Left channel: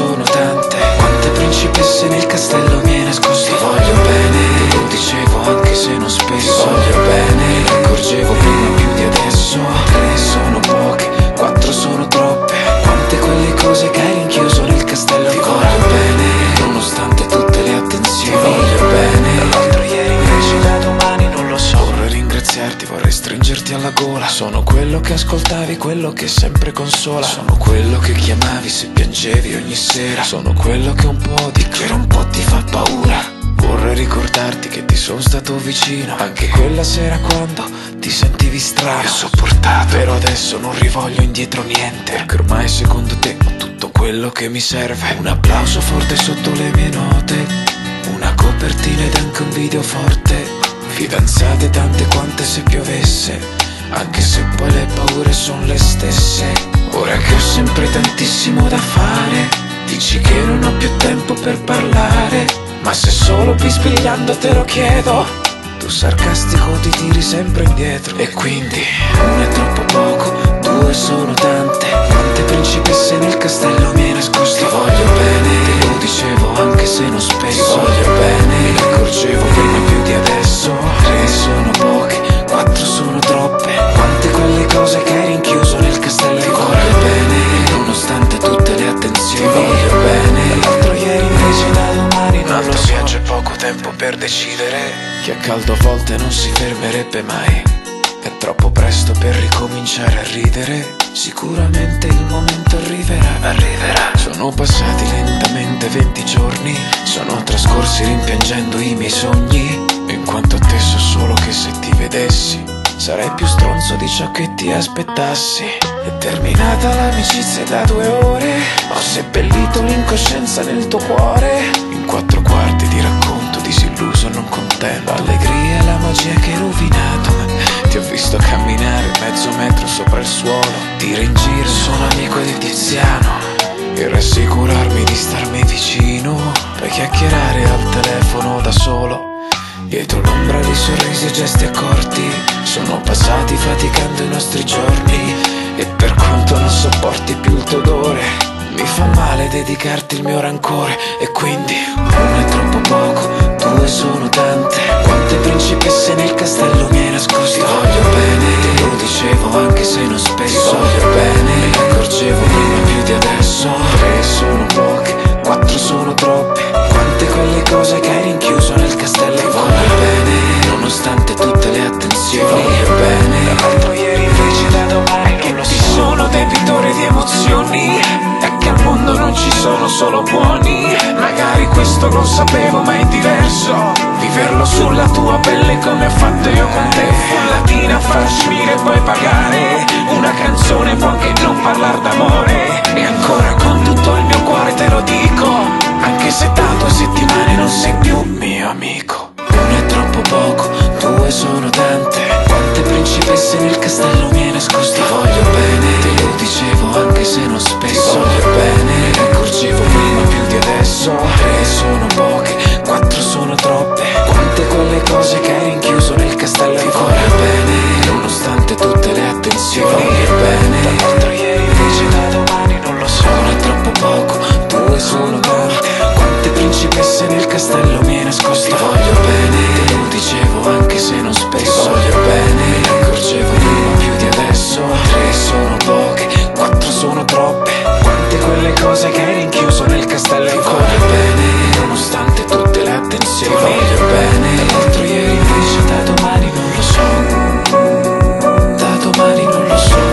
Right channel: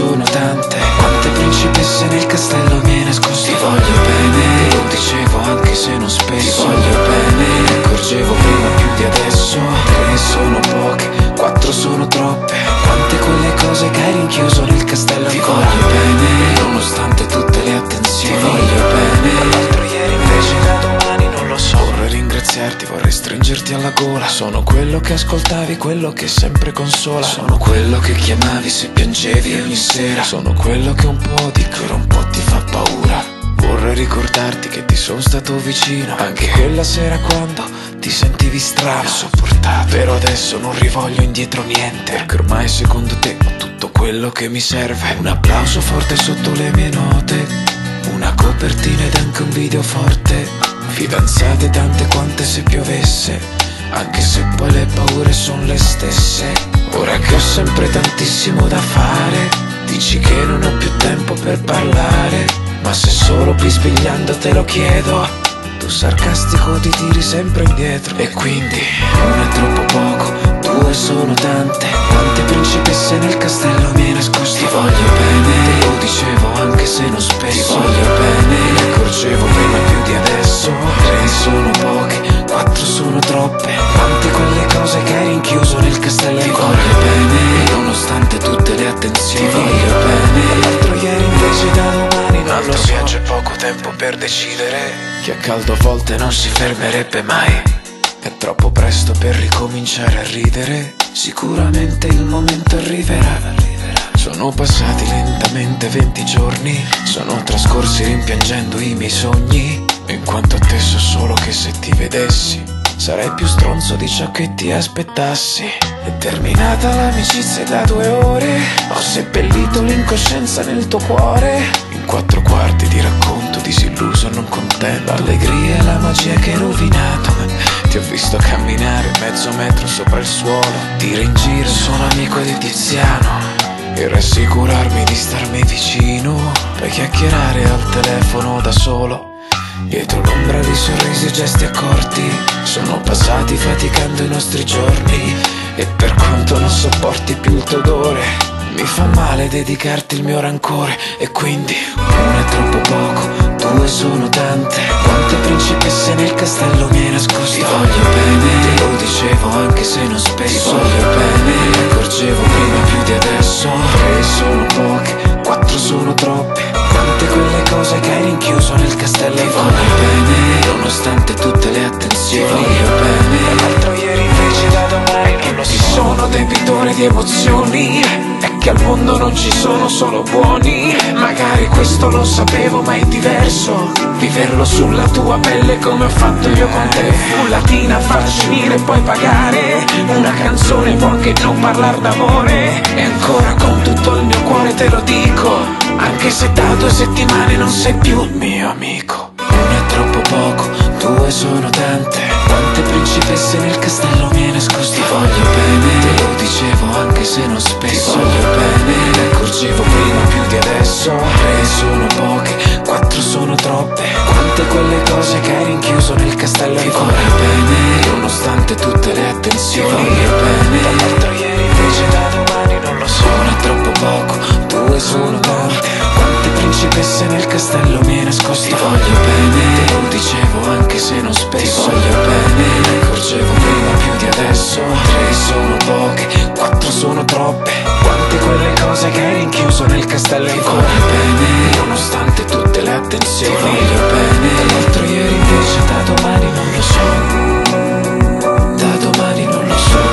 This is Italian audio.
sono tante. Quante principesse nel castello mi hai nascosto. Ti voglio bene, te lo dicevo anche se non spesso. Ti voglio bene, me ne accorgevo prima più di adesso. 3 sono poche, 4 sono troppe. Quante quelle cose che hai rinchiuso nel castello ancora. Ti voglio bene, e nonostante tutte le attenzioni. Ti voglio bene, dall'altro ieri invece da domani non lo so. Vorrei ringraziarti, vorrei stringerti alla gola. Sono quello che ascoltavi, quello che sempre consola. Sono quello che chiamavi se piangevi ogni sera. Sono quello che un po' di che un po' ti fa paura. Vorrei ricordarti che ti sono stato vicino anche quella sera quando ti sentivi strano. Ho sopportato, però adesso non rivoglio indietro niente, perché ormai secondo te ho tutto quello che mi serve. Un applauso forte sotto le mie note, una copertina ed anche un video forte. Fidanzate tante quante se piovesse, anche se poi le paure sono le stesse. Ora che ho sempre tantissimo da fare, dici che non ho più tempo per parlare. Ma se solo bisbigliando te lo chiedo, tu sarcastico ti tiri sempre indietro. E quindi 1 è troppo poco, 2 sono tante. Quante principesse nel castello mi hai nascosto. Ti voglio bene, te lo dicevo anche se non spesso. Ti voglio bene, me ne accorgevo prima più di adesso. 3 sono poche, 4 sono troppe. Quante quelle cose che hai rinchiuso nel castello ancora. Ti voglio bene, e nonostante tutte le attenzioni. Ti voglio bene, dall'altro ieri invece da domani non lo so. Viaggio e poco tempo per decidere che a caldo a volte non si fermerebbe mai. È troppo presto per ricominciare a ridere. Sicuramente il momento arriverà, arriverà. Sono passati lentamente 20 giorni, sono trascorsi rimpiangendo i miei sogni. In quanto a te so solo che se ti vedessi sarei più stronzo di ciò che ti aspettassi. È terminata l'amicizia da 2 ore, ho seppellito l'incoscienza nel tuo cuore. In 4 quarti di racconto disilluso e non contento. L'allegria e la magia che hai rovinato. Ti ho visto camminare mezzo metro sopra il suolo, dire in giro sono amico di Tiziano e rassicurarmi di starmi vicino. Poi chiacchierare al telefono da solo, dietro l'ombra di sorrisi e gesti accorti. Sono passati faticando i nostri giorni e per quanto non sopporti più il tuo odore, mi fa male dedicarti il mio rancore. E quindi 1 è troppo poco, 2 sono tante. Quante principesse nel castello mi hai nascosto. Ti voglio bene, te lo dicevo anche se non spesso. Ti voglio bene, me ne accorgevo prima più di adesso. 3 sono poche, 4 sono troppe. Quante quelle cose che hai rinchiuso nel castello ancora. Ti voglio bene, nonostante tutte le attenzioni. Ti voglio bene, dall'altro ieri invece da domani non lo so. Ti sono debitore di emozioni, è che al mondo non ci sono solo buoni. Magari questo lo sapevo ma è diverso viverlo sulla tua pelle come ho fatto io con te. Fu latina a far finire e poi pagare. Una canzone può anche non parlar d'amore, e ancora con tutto il mio cuore te lo dico, anche se da 2 settimane non sei più il mio amico. 1 è troppo poco, 2 sono tante. Quante principesse nel castello mi hai nascosto. Ti voglio bene, te lo dicevo anche se non spesso. Ti voglio bene, me ne accorgevo prima più di adesso. 3 sono poche, 4 sono troppe. Quante quelle cose che hai rinchiuso nel castello ancora. Ti voglio bene, nonostante tutte le attenzioni. Ti voglio bene, dall'altro ieri invece da domani non lo so. 1 è troppo poco, 2 sono tante. Quante principesse nel castello mi hai nascosto. Ti voglio bene, te lo dicevo anche se non spesso. Ti voglio bene, me ne accorgevo prima più di adesso. 3 sono poche, 4 sono troppe. Quante quelle cose che hai rinchiuso nel castello ancora. Ti voglio bene, nonostante tutte le attenzioni. Ti voglio bene, dall'altro ieri invece da domani non lo so. Da domani non lo so.